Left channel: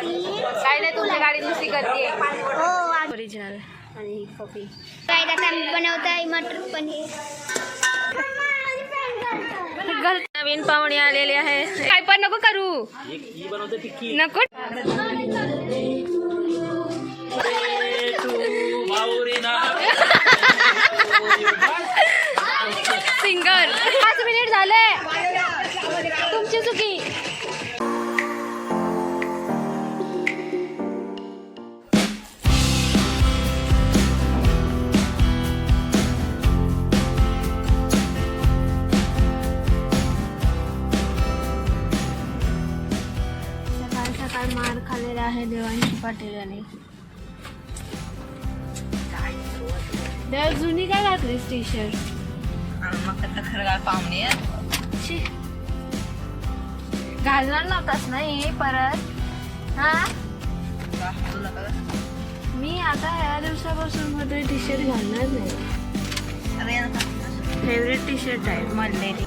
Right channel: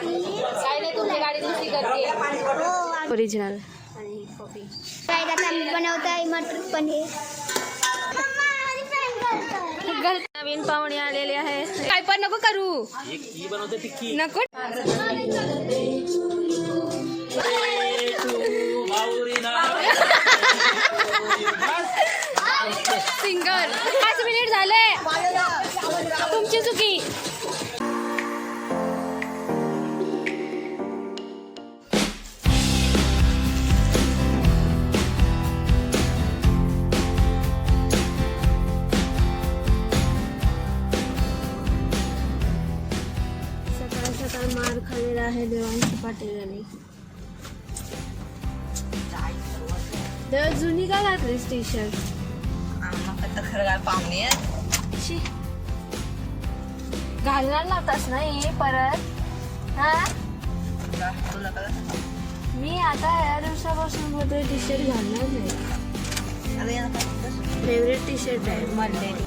काय नाही, तुमच्या गाडी दुसरी करते हो ओरिजिनल. आणि ही कॉफी काय बनवताय मटर पनीर. नवीन पाहुणे आलेले आहे. काय पण नको करू, नको सिंगर. 5 मिनिट झाले, तुमची चुकी. सकाळ मार खाल्लेला आहे देवांशी पाटील यांनी. देवा जुनी का घातलीस टी शर्ट? पाहुणे घालणार नव्हतास ना ही परत? हा, मी आता या दिवसापासून मध्ये टी शर्ट घालणार नाही. फेवरेट टी शर्ट आहे मल्लेली.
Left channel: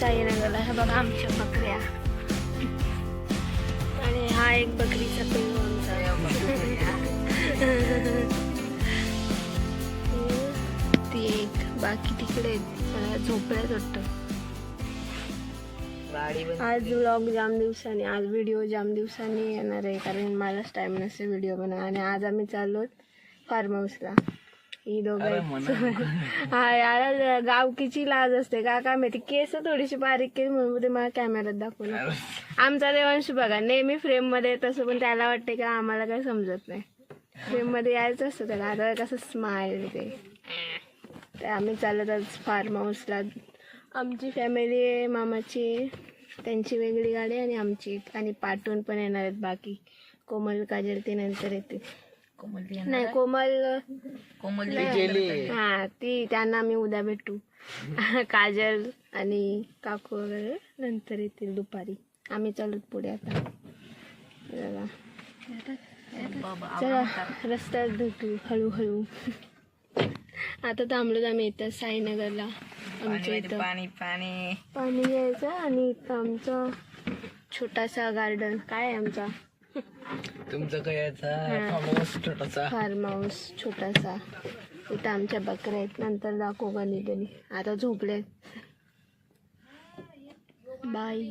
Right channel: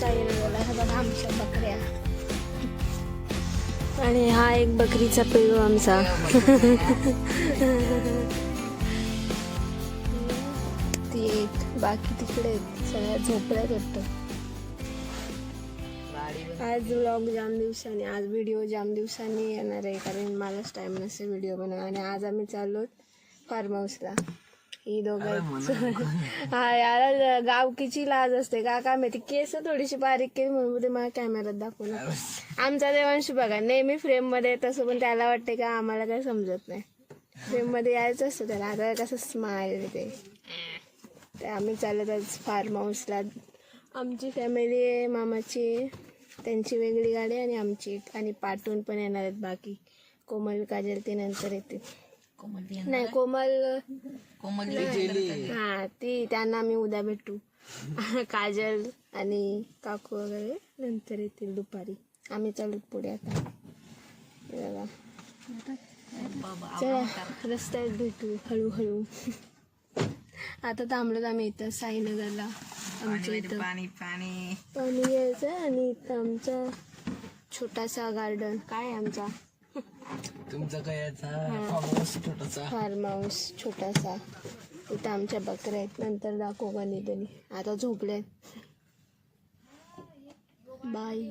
साईनगरला हे बघा आमच्या बकऱ्या. आणि हा एक बकरीचा पिल्लू आमचा. ती एक, बाकी तिकडे सगळ्या झोपड्यात वाटतं. आज व्लॉग जाम दिवसांनी, आज व्हिडिओ जाम दिवसांनी येणार आहे कारण मलाच टाइम नसते व्हिडिओ बनवा. आणि आज आम्ही चाललो फार्म हाऊसला. ही दोघं हा यार गावकीची लाज असते का काय माहिती. केस थोडीशी बारीक केस म्हणून ते मला कॅमेऱ्यात दाखवलं. आमचा देवांश बघा नेहमी फ्रेम मध्ये, तसं पण त्याला वाटते का आम्हाला काय समजत नाही. फ्रेम मध्ये यायचं असतं त्याला. आता कसं स्माइल ते आम्ही चालत आज फार्म हाऊसला. आमची फॅमिली आहे, मामाची, त्यांची वेगळी गाडी आणि आमची. आणि पाठवून पण येणार आहेत बाकी. कोमल काजल ते नंतर येते. नाही कोमल गेली. हा ती, त्यांना आम्ही उद्या भेटू. काजल आणि काकू वगैरे नंतर येतील दुपारी. आम्ही चालत पुढे आता. चला रस्त्यात भेटू हळूहळू. आता थांबलो आम्ही इथं साईनगरला. आमच्या इथं पाणी घ्यायचं. आणि इथं आमचा छोटासा गार्डन. काय आहे आमचा तुमचं काय फार्म हाऊस छोटासा. इथं आमच्या बकऱ्या आहेत. नंतर दाखवू कधीतरी. आता झोपल्यात. बाय.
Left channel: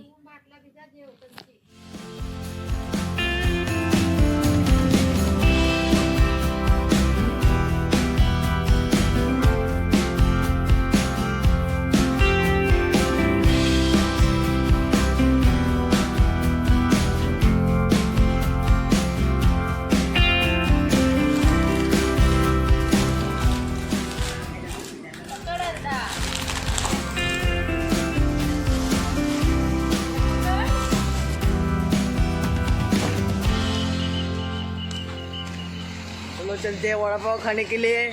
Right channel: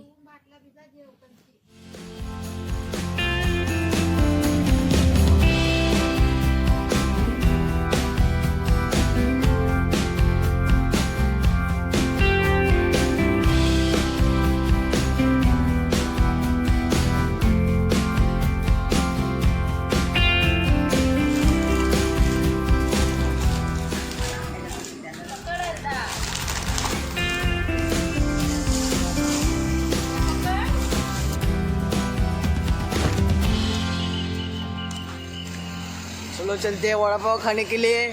चलो चलते वड़ा पाव खाने के लिए.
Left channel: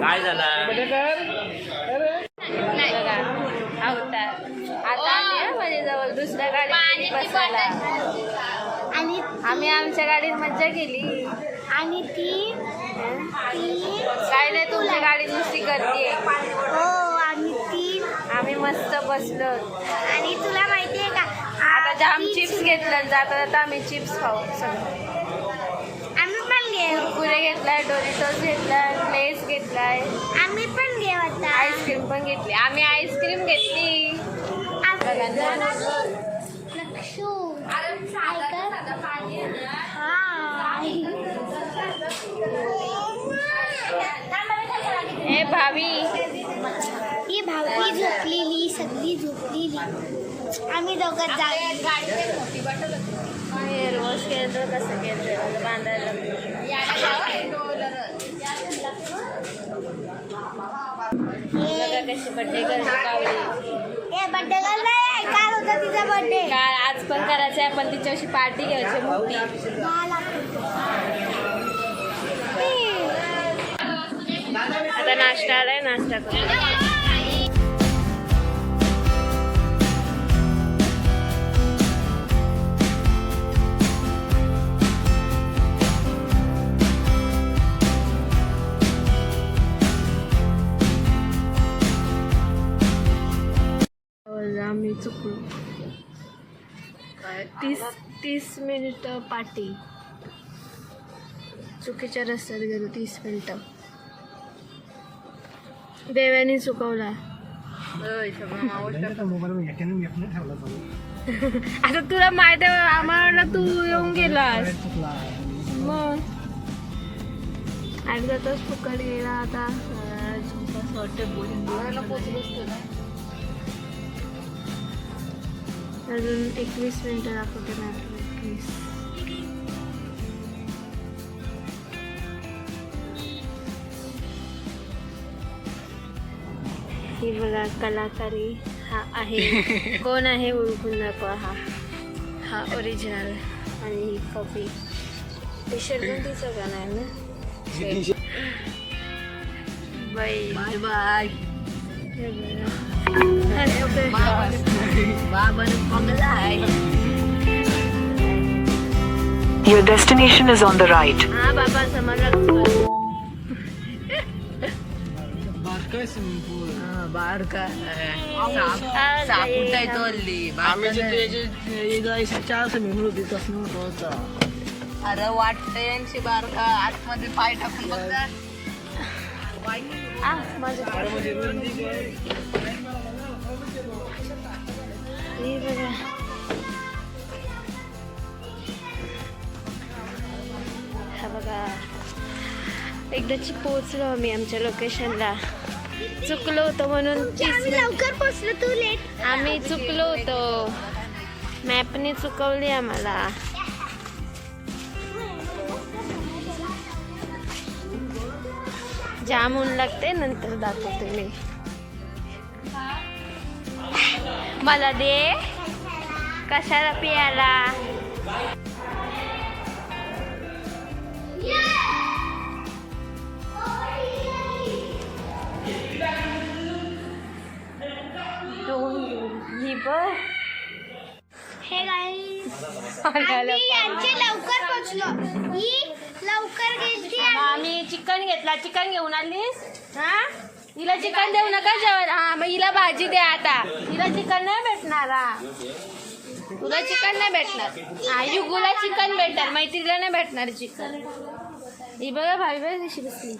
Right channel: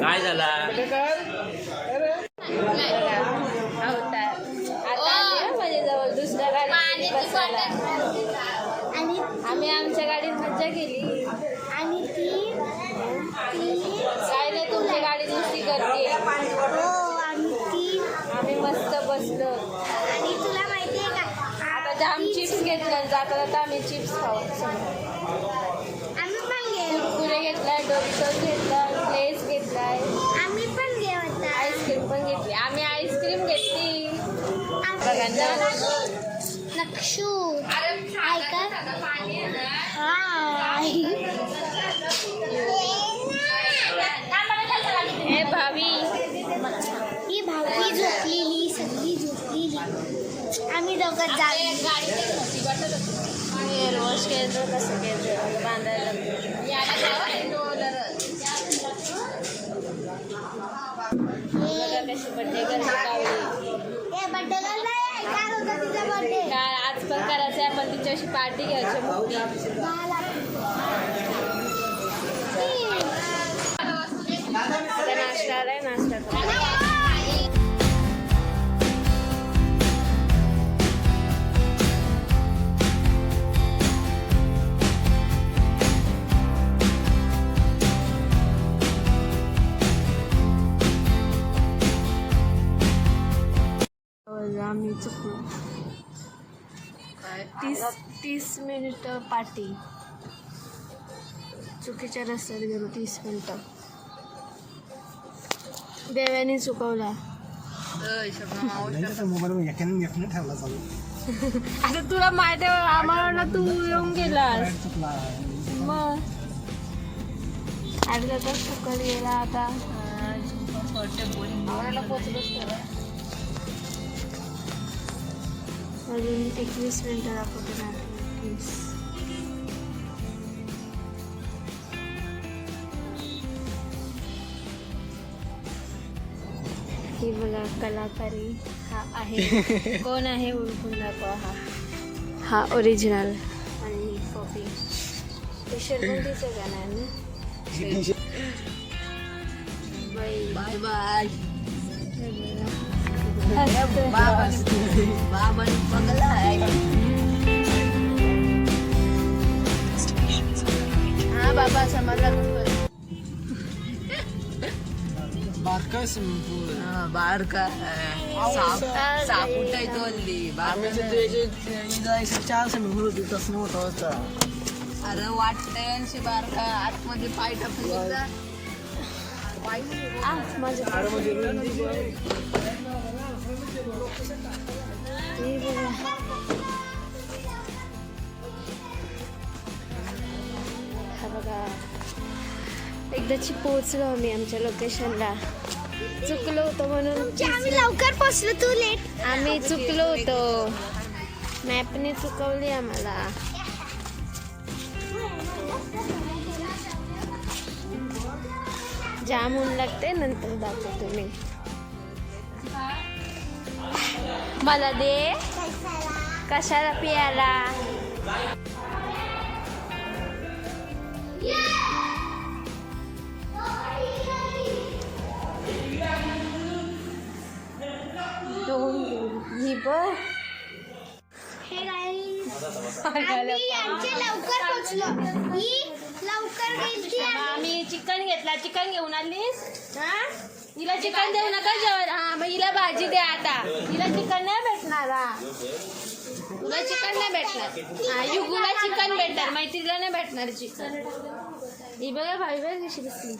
काय झालं अवतार आता आले माझ्याजवळ दुसऱ्या गाडीत बसायला. आम्ही आमच्या गाडीत मज्जा केली. आणि ती काय नाही, तुमच्या गाडी दुसरी करते हो. आणि ती आम्ही मस्त बसलो. आणि तुला माहितीये का आता जाम चिप्स घेतलं. जाता जाता आम्ही चिप्स खाऊ. आम्ही पण घेऊ. पुरे घेतलाय, डोरिटोस घेतलाय, लेस घेतलाय. आम्ही पण घेऊ आता. आईस्क्रीम पण घेतली. आम्ही आईस्क्रीम घेतली. नक्षू हे भावी, ही भावी झोपलेली, सगळी झोपलेली. आम्ही दोघं जाऊ. हेअर वॉश केलं कसं केलं बांधायला कशी बड्डे हे बड्डे नाही, काल होता तिचा बड्डे. काय आज पण करायचं आहे पण तिच्याशी पार्टी घ्यायची मोठी. आता नाश्ता आलाय नाश्ता करू. आम्ही चुकलो 30 मिनिटं पार्टी चुकीच्या रस्त्यात गेलो 30 मिनिटं देवाने चुकवला. आता तुला माहिती आहे आम्हाला तू येऊन गेलास मग अर्धा तास चुकत गेला. आता अजून 21 मिनिटं दाखवते ना 21. ही बघा कलाकारी हा आहे कोण आहे ओळखून दाखवा. हा ओरिजिनल आणि ही कॉपी. टी शर्ट पण तिचं का नाही ना बाई बाय हे बघा. Your destination is on the right. हा बाबा समजला बारका स्विमिंग पूल बारका साप उठायचो हल्ली जायचं 4 स्विमिंग पूल होती तसं नव्हतं. अरे वाटतंय यांची बारका आतमध्ये पाय टाकून बघा. माझं हे बघा हा बघा एकदाची पोहोचलो आम्ही आमच्या लोकेशनला. चुकलो होतो म्हणून आम्ही लवकर पोहोचलो, तू लेट. आम्ही चुकलो होतो मॅपने चुकवली आम्हाला. जाम ऊन लागते नंतर दाखवते मी. मला दे कशाला पियाला. ही बघ हे आम्ही यांचे लवकर पोहोचलो. ही लवकर गेलती. आम्ही चिकन घेतला. चिकन घेऊन आलीस हा. हिला चिकन देऊ नका जेवण. हा मग हिला भाजी द्या. आता हिला चिकन नाही भेटणार. हा तुला चिकन नाही भेटणार. हा युगूला चिकन भेटणार मैत्रीला नाही भेटणार चिकन. ही बघा भाई बघ कशी बसली.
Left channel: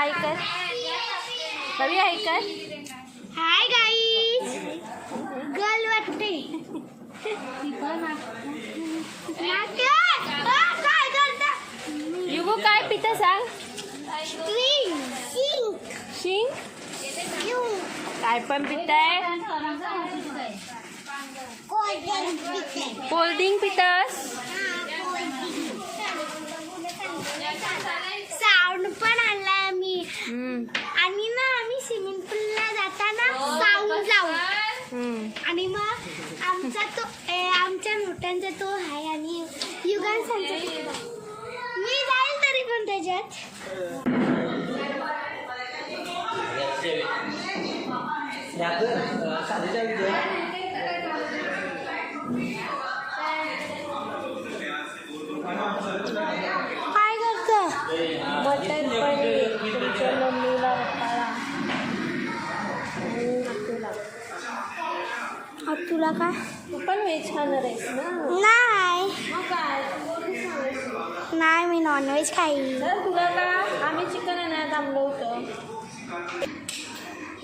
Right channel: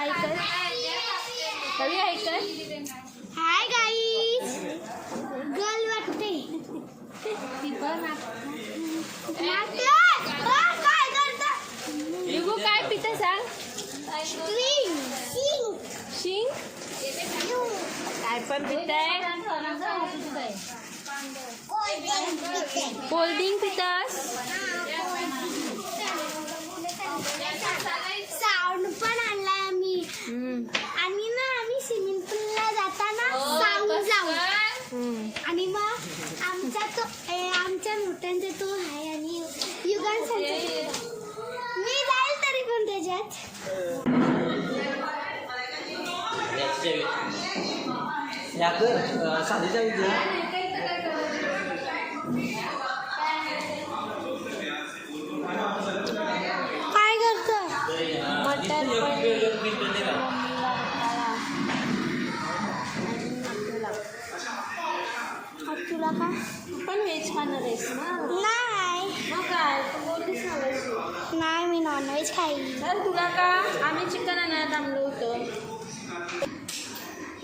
ऐकर बघी ऐकर. हाय गाईज गर्ल वाटते. युगू काय पितं सांग. शिंग काय पण पिताय. कोल्ड्रिंक पितास. साऊंड पण आणलाय आम्ही. आणि ना आम्ही स्विमिंग पूलला जाताना साऊंड जाऊ. आणि मग आमच्या नोटांचा तो आहे आणि युगांचा मी जाईल तरी पण त्याच्यात. काय करतो बटर पनीर मम्मीला तुला काय. तू पण व्हेज खाणार आहेस ना. नाही मग काय तू बोललीस ना व्हेज. नाही मी नॉनव्हेज खाईन. तर तुला का आम्ही चिकन आणायला थांबलो होतो.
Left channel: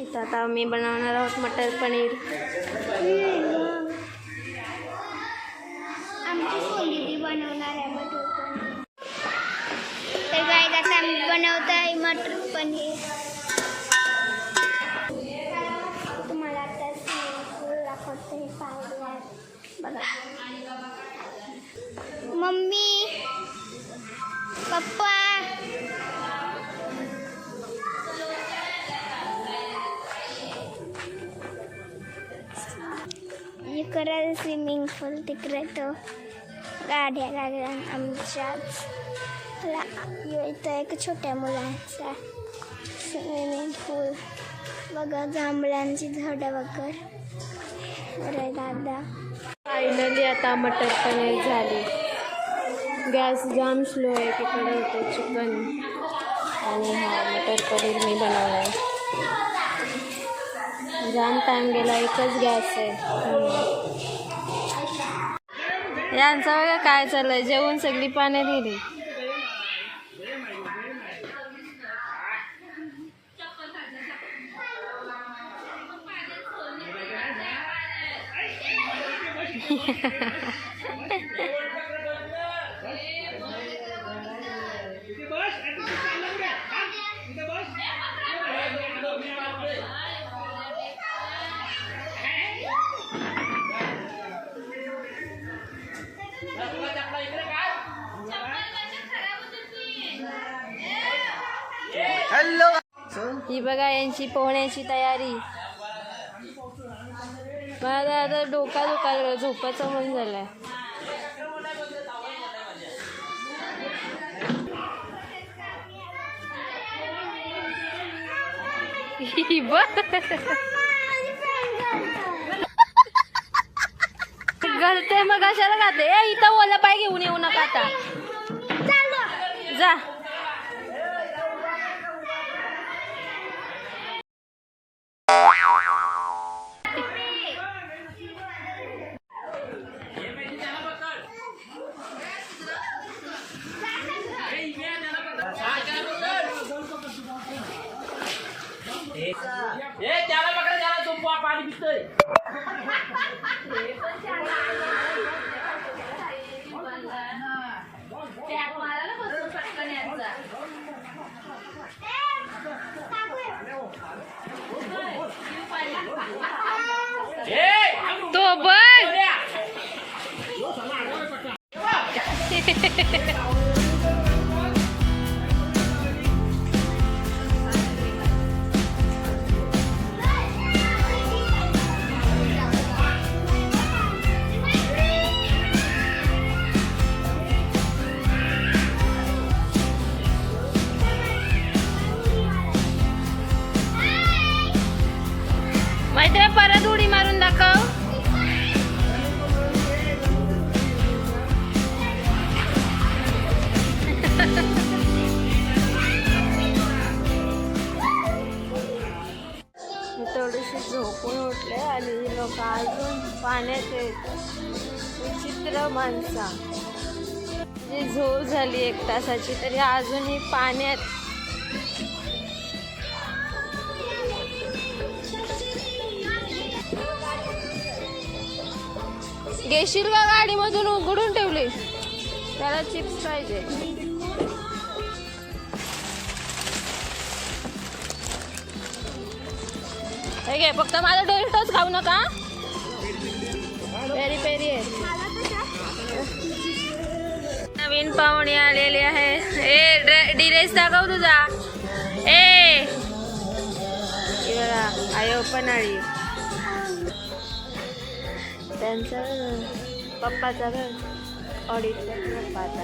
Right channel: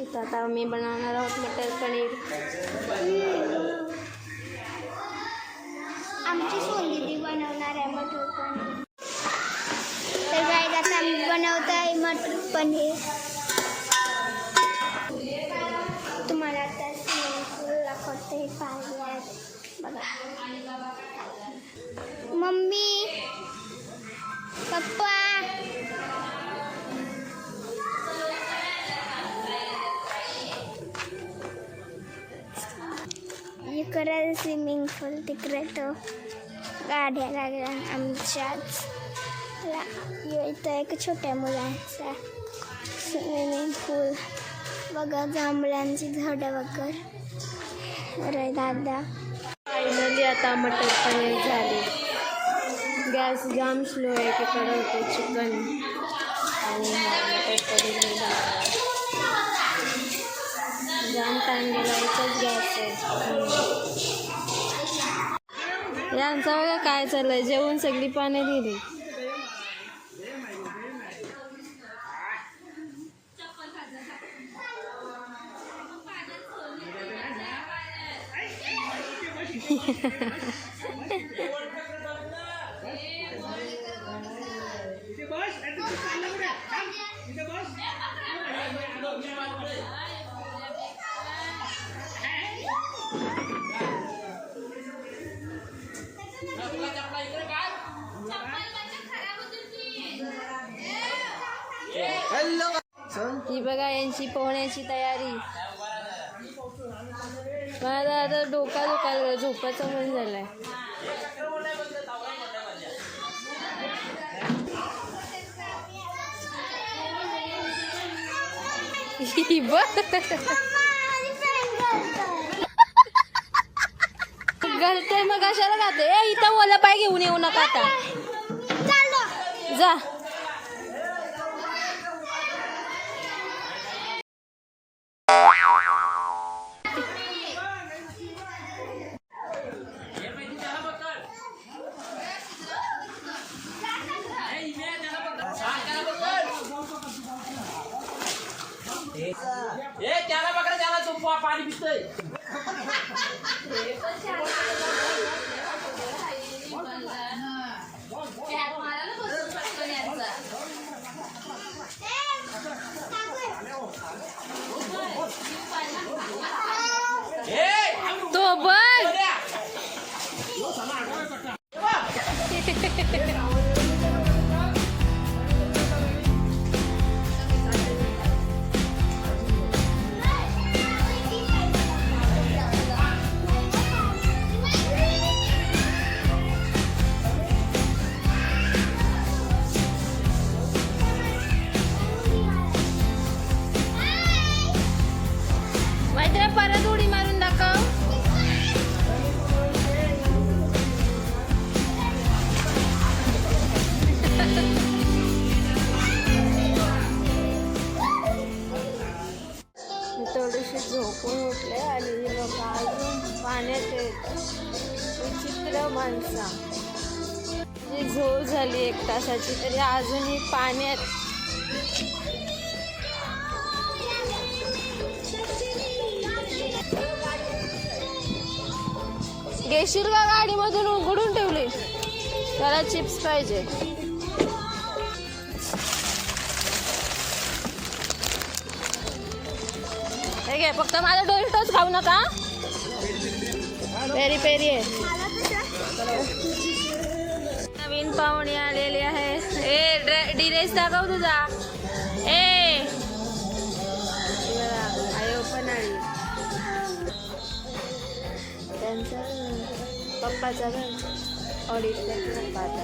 इथं आता आम्ही बनवणार आहोत मटर पनीर. आमची सोनी बनवणार आहे मटर पनीर. तर गाईज आता आम्ही बनवत आहे मटर पनीर. तुम्हाला लवकरच स्विमिंग पूल तिकडे तो गाड्या लागल्या आमच्याच इथं एक छोट्या मुलांचा स्विमिंग पूल बघा, जांभळ्यांची झाडं वगैरे. अरे दादा, फायनली आता मटर पनीर झाली. गॅस जाम स्लो आहे, तिकडे होते चिकन आणि हा मटर पनीर मी बनवला आहे. जाम टाइम गेला, एकच गॅस आहे. यांचं बघा काय चाललंय, जेवून सगळी पाने दिली. ही बघा यांची पोहण्याची तयारी. मला आता डोका दुखायला, झोपाचं मन झालंय. घालते मग कशाला घालते. इथं ओला पाय घेऊन येऊ नका आता, जा. तो बघ मैत्रिणी, परत उडी मारून दाखव. थोडीशी झोपून उठले आणि लोक अजून पाण्यात आहेत. विचित्र माणसा, जी झोप झाली 1 तासाची तरी अजूनही पाण्यात. घेशील का गाडीमधून उघडून ठेवली? त्याला चिप्स पाहिजे. हे घे, फक्त माझा डोरिटोच खाऊ नका. पेरी पेरी आहे. नवीन पाहुणे आलेले आहे. ए ड्रेस दाखव तुझा. ए आयो पण आली. त्यांचा पप्पाचा घर ऑडिटचा पप्पाचा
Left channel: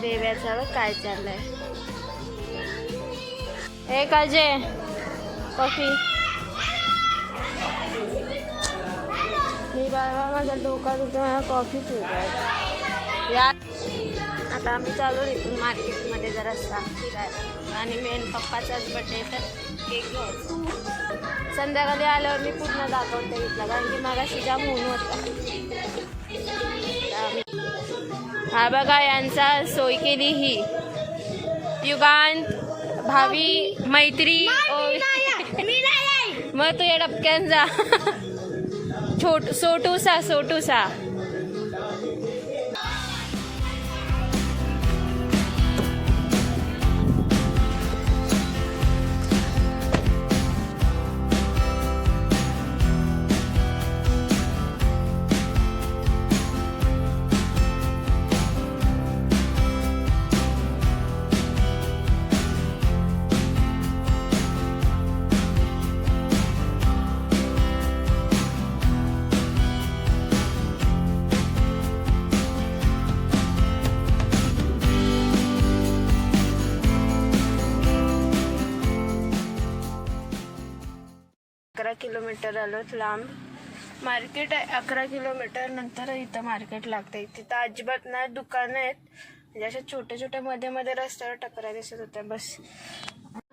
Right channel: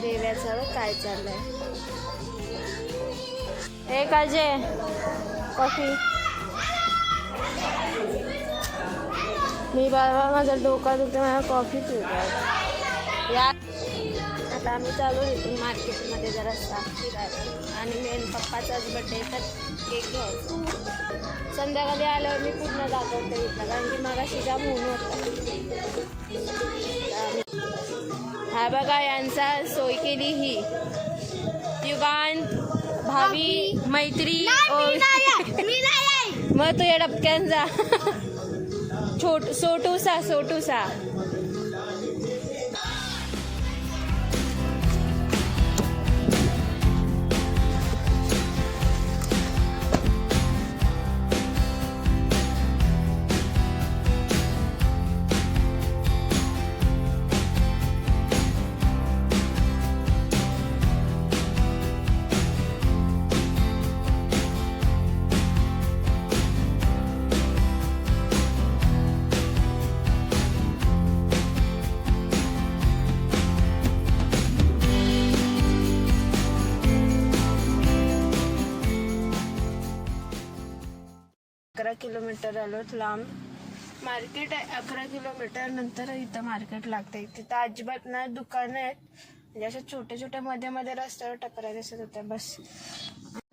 देव्याचा काय चाललंय. ए काजे कॉफी. मी बाबा माझा डोका दुखतो, मला कॉफी पिऊ या. आता आम्ही चालू इथून मार्केटमध्ये जरा फिरायला आणि मेन पप्पाचाच बड्डे तर केक घ्यायचा. संध्याकाळी आल्यावर मी पूर्ण दाखवते इथला, कारण की मागाशी जाम ऊन होता. हा बघा यांचा सोय केली ही युगांत भावी मैत्री. मग तू या डबक्यांचा सोटूसा. किलोमीटर आलो लांब. मार्केट आहे 11 किलोमीटर नंतर इथं मार्केट लागतंय. तिथं अजिबात ना दुकानं आहेत, म्हणजे अशा छोट्या छोट्या मध्ये मध्ये रस्त्यावर टपऱ्या दिसत होत्या बस.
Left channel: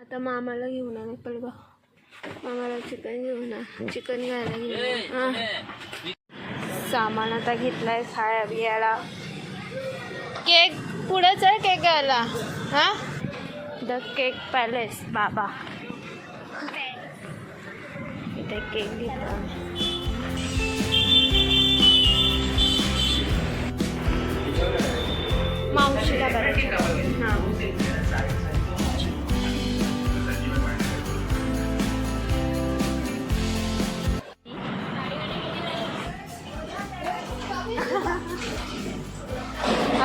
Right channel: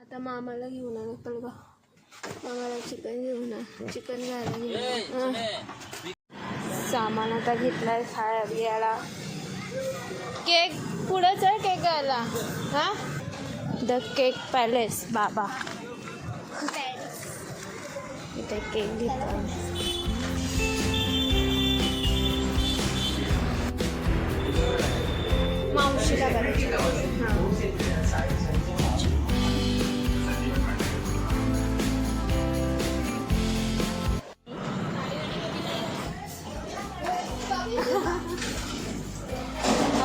आता मामाला घेऊन आले पलगा, मामाला चिकन घेऊन चिकन घ्यायला घेऊन सामान आता घेतलाय खाया बियाला. केक पुढेच आहे केक घ्यायला. हा द केक पॅलेस बाबा, इथे केक घेतला. मावशीला करायचं. हां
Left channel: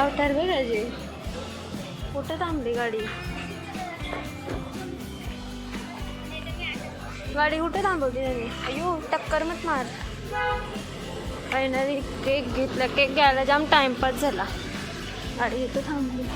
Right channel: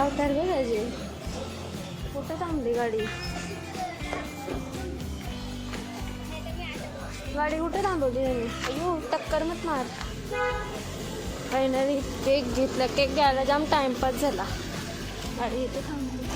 अवतार बघायचे. कुठं थांबली गाडी? गाडी कुठे थांबवली त्यांनी? अयो टक्कर मत मार. फायनली केक घेतला. केक घ्यायला जाम टाइमपास झाला, गाडी इथं थांबली.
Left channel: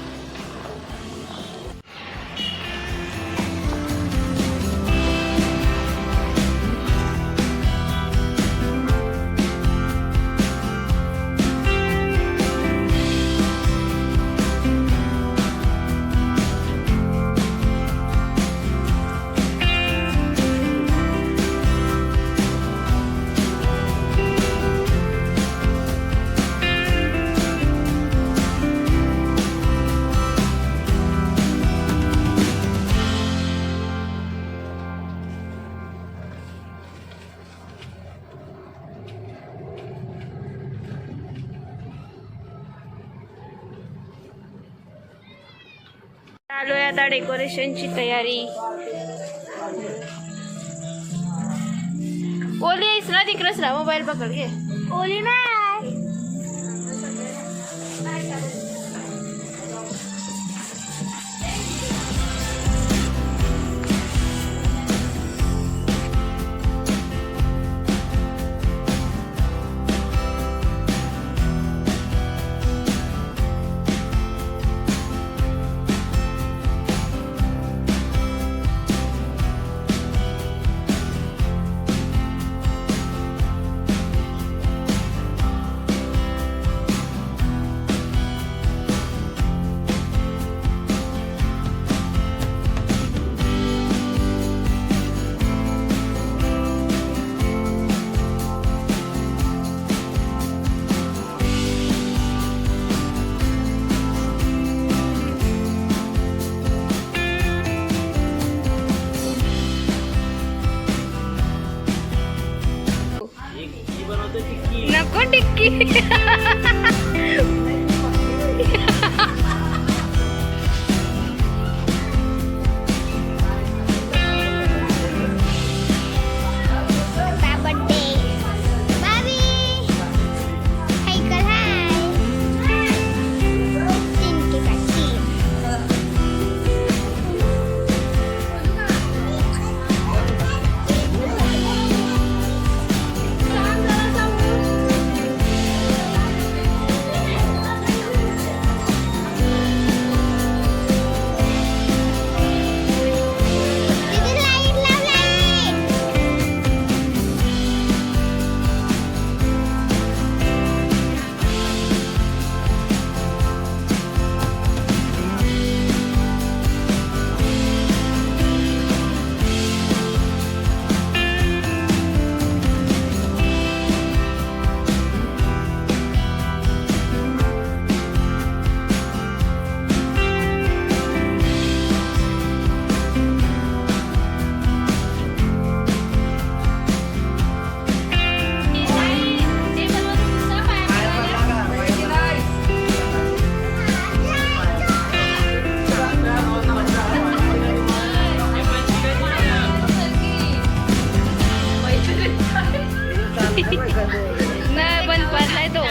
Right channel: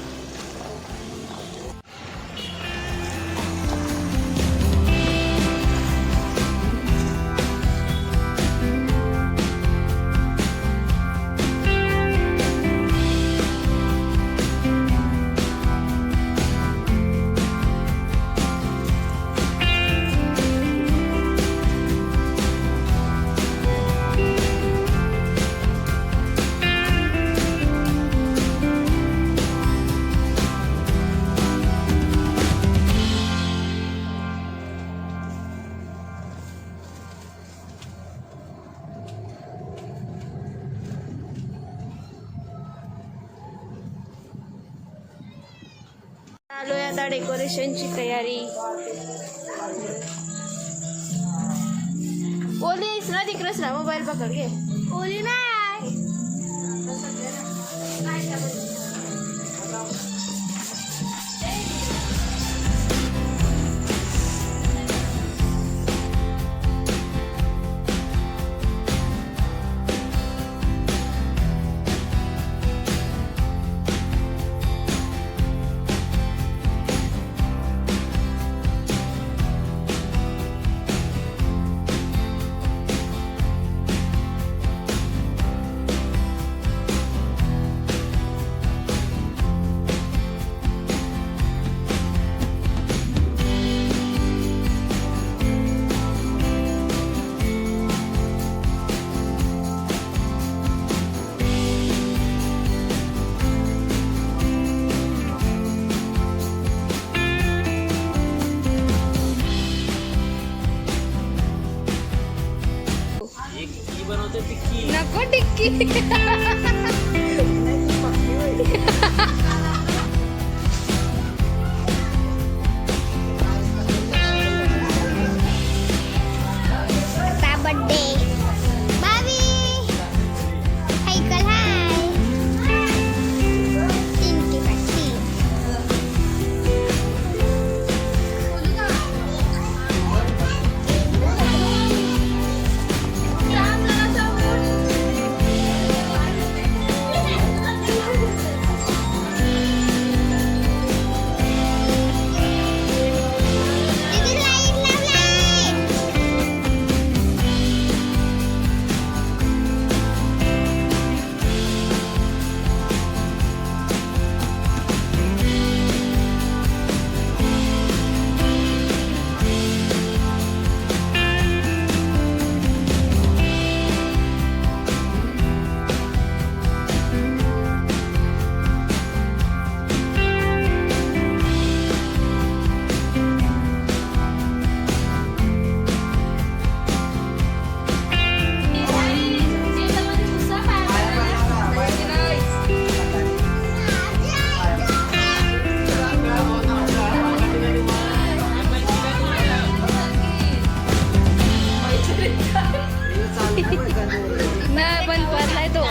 चालू आहे आता डेकोरेशनची तयारी. ओली आहेस ना तिकडंच ना, मोबाईल पकड घे. ओली नाही. नको टिक्की. नाही बंद पडलाय तो.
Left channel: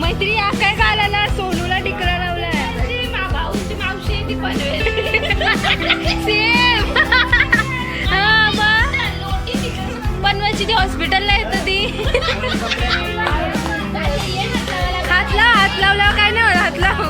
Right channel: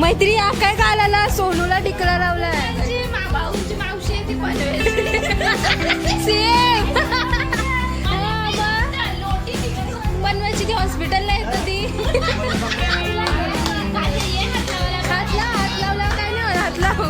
मैत्री काय घालायला सोनूला टिकला लावलाय मावशी आहे ती पनवेल. सेम. हा मग पनवेलची ती हॉस्पिटलला येतं ती. हात लावल्यावर काय नाही होत, हात लाव.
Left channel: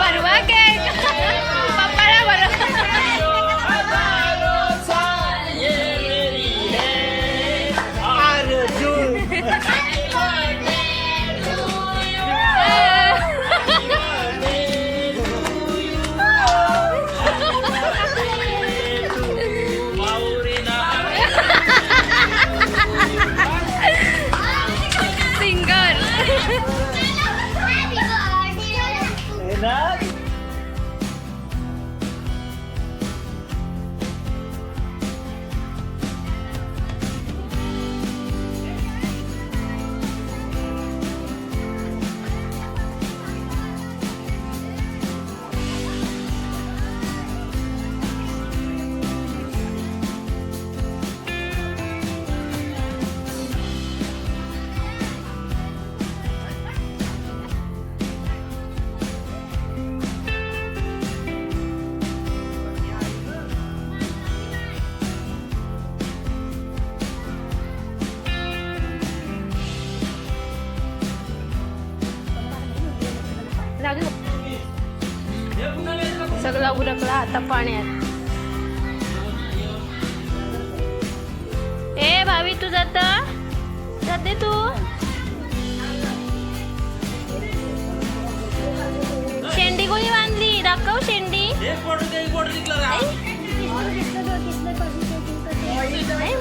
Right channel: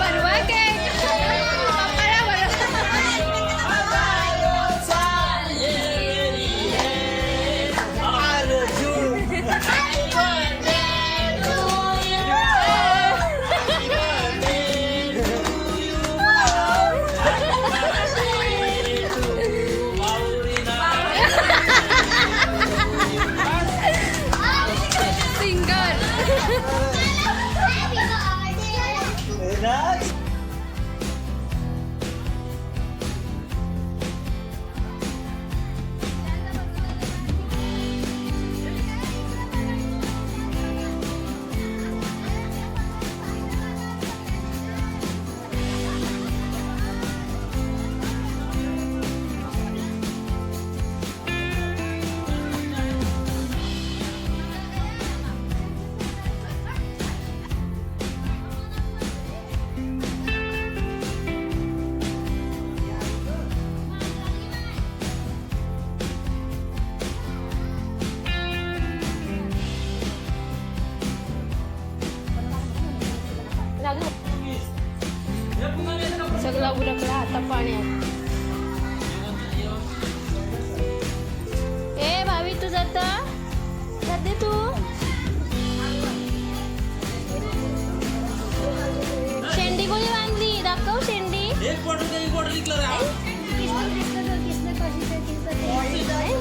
परवा काय पप्पाला बरं. सगळा उरकला आता पाण्यात. ए भावी तू जाते तू. शेंडी कोणी बांधली दाखव शेंडी.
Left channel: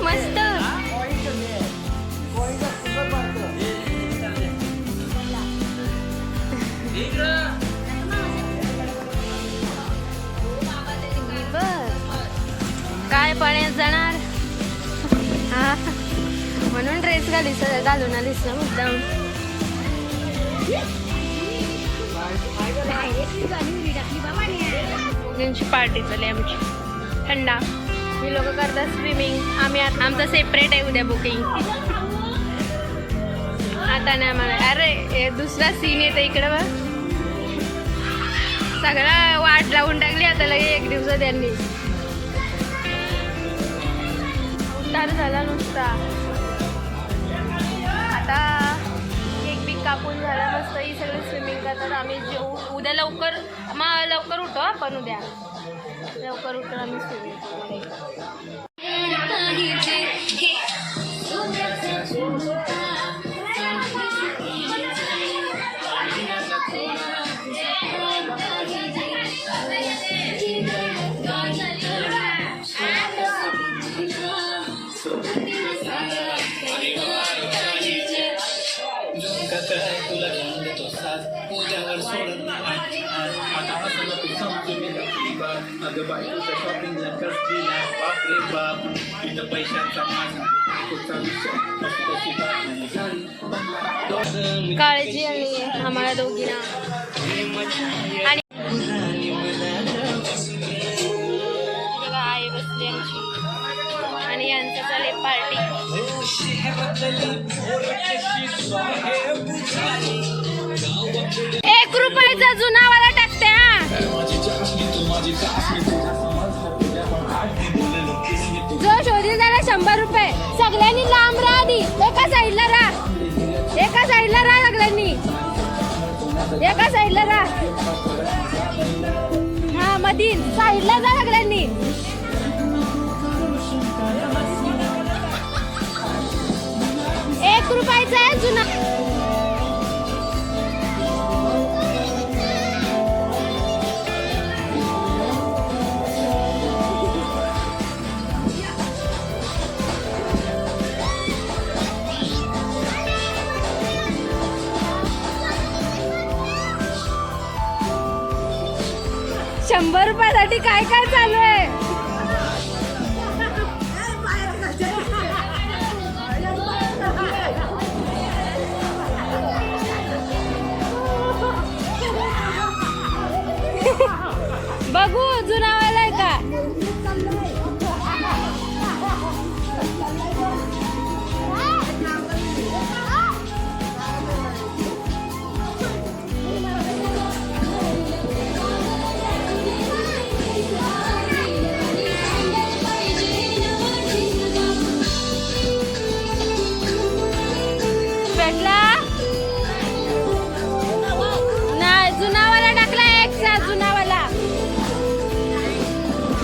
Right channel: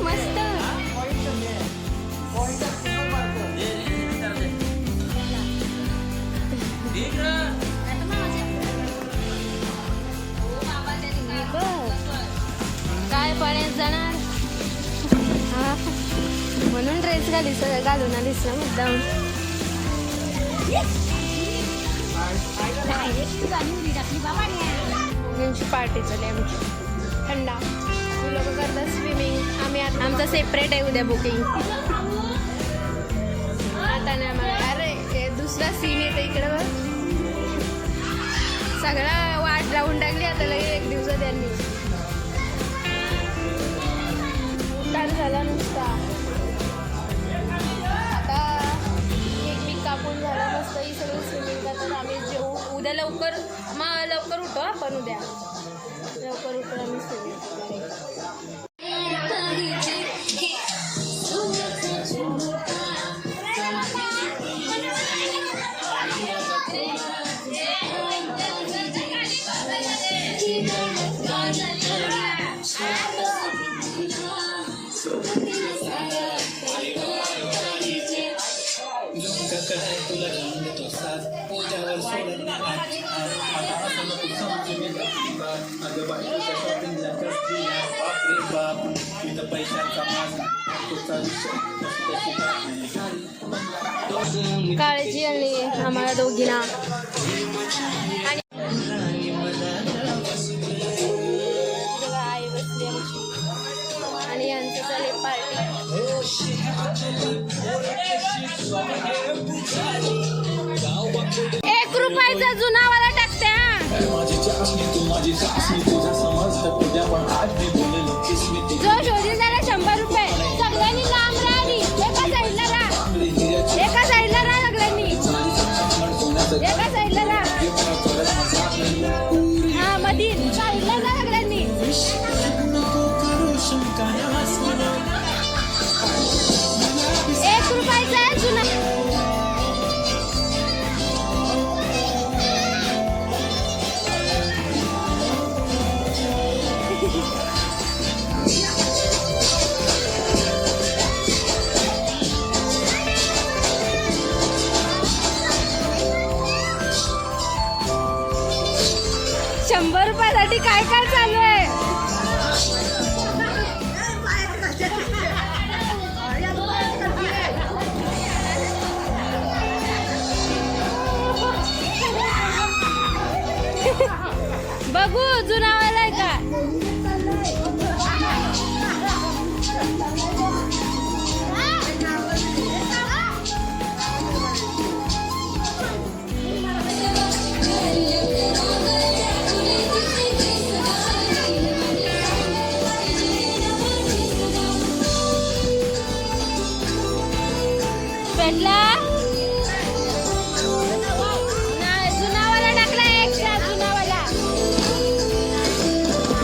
मस्त. काय पाण्यात जाणार. हा म्हणून ड्रेस घालून आलीस ना मुद्दाम. त्यांची पार्टी चालली आमची. थंडा मी लोक करतात स्विमिंग. आम्ही आमचं सेपरेट आहे उद्या बुकिंग. आता नाही आम्हाला. अरे दुसरा सीन येतं इकडं बघ. सगळा वाट लावून टाकली आता लगे एक दिवसात त्यांनी. उतार झाला नुसता. आता केक बिक कापून झाला मस्त. ही सगळी स्विमिंग करतात. आम्ही जेऊ उद्या लवकर. मग लवकर उठो आपण उद्या. लवकर उठून आम्ही स्विमिंग करणार. काळजी आणि आम्हाला दोघींना. आणि बघा आई बसली आमची आणि यांचं चालले पार्टी. ₹1 जुनावाला टाकते. जो जोडी झाला ₹100. सगळ्यांनी लांब राहा. एका साईडला राहा. एका साईडला राहा सगळ्यांनी. एका साईडला राहा. हा मधील साईडला जा सगळ्यांनी. ₹1 आहे जुना. 100 रुपयासाठी काय काय चालू आहे? बघू जुनावाला आहे का? भेटला नाही, जुनावाला टाकला एक्स्ट्रा जुनावाला.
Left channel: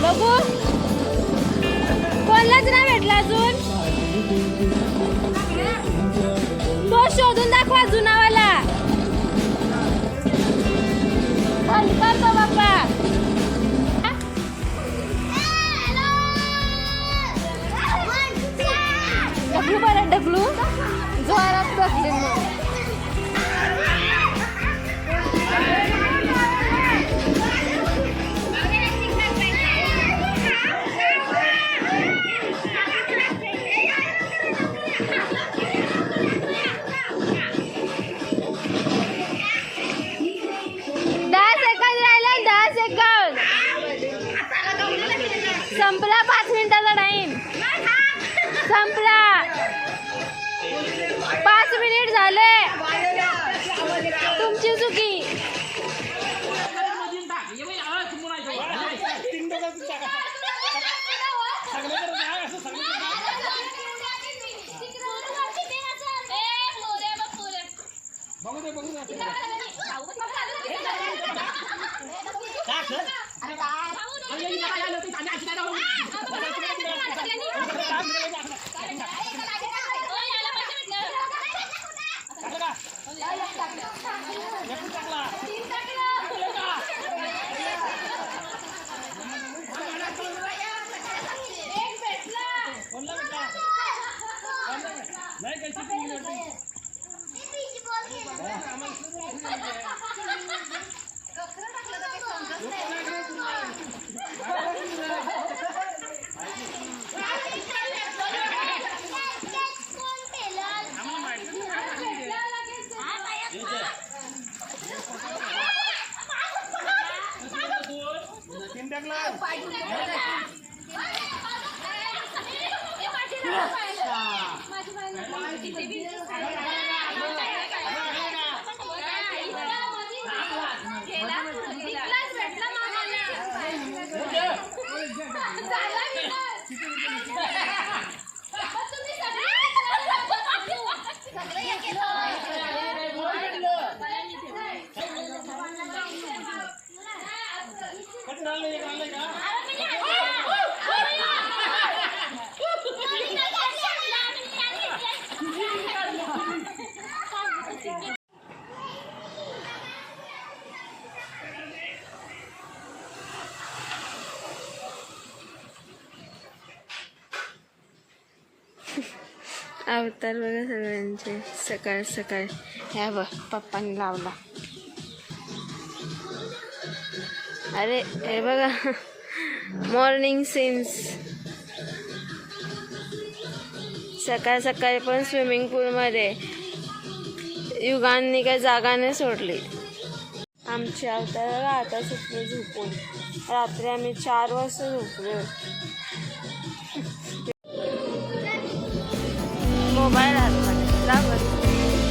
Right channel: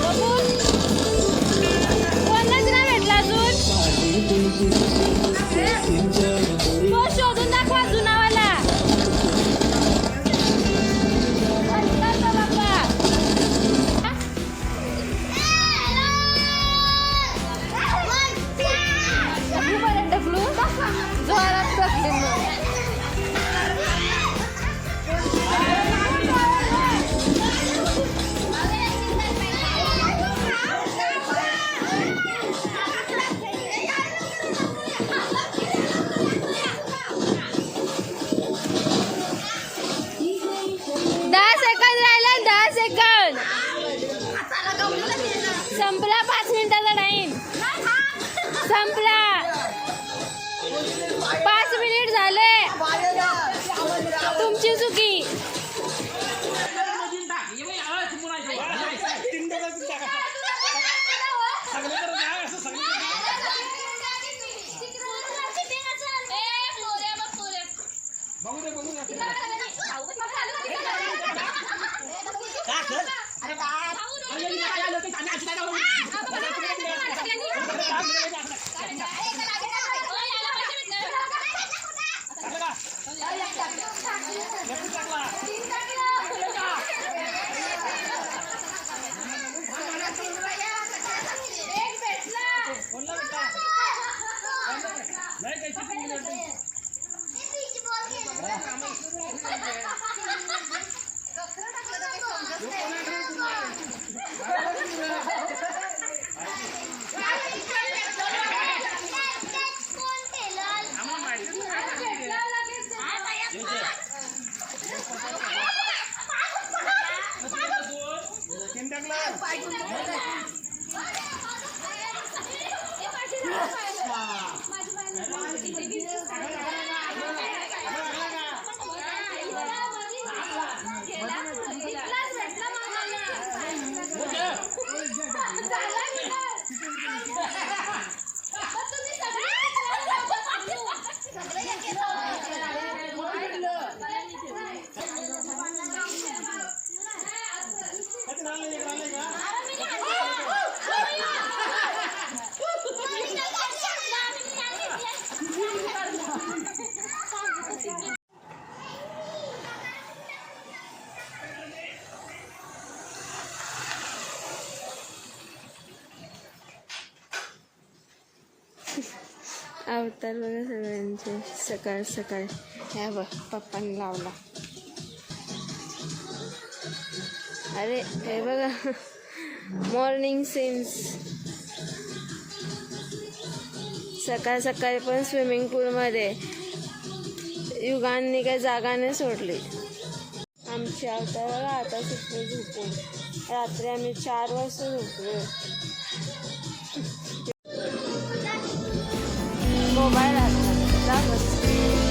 बघू कोणाच नाही भेटला अजून. तो शोधून दाखवा जुनावाला. डब्लू बरं डब्लू जोरात बघले मग. संपला 5 मिनिटाचा टाइम संपला. 5 मिनिट झाले. तुमची चुकी. अवतार बघा सगळ्यांचे सकाळ सकाळ. ह्या बघ पप्पांनी लावला. अरे हे बघा मॉर्निंग सीन्स. सकाळ सकाळी पण स्विमिंग पूलमध्ये युगांनी काही जागा नाही सोडली. आमची अवतार बघा आता सुटले झोपून. रात्री आम्ही 4 वाजता झोपलो. मोबाईल हातमध्ये लागत.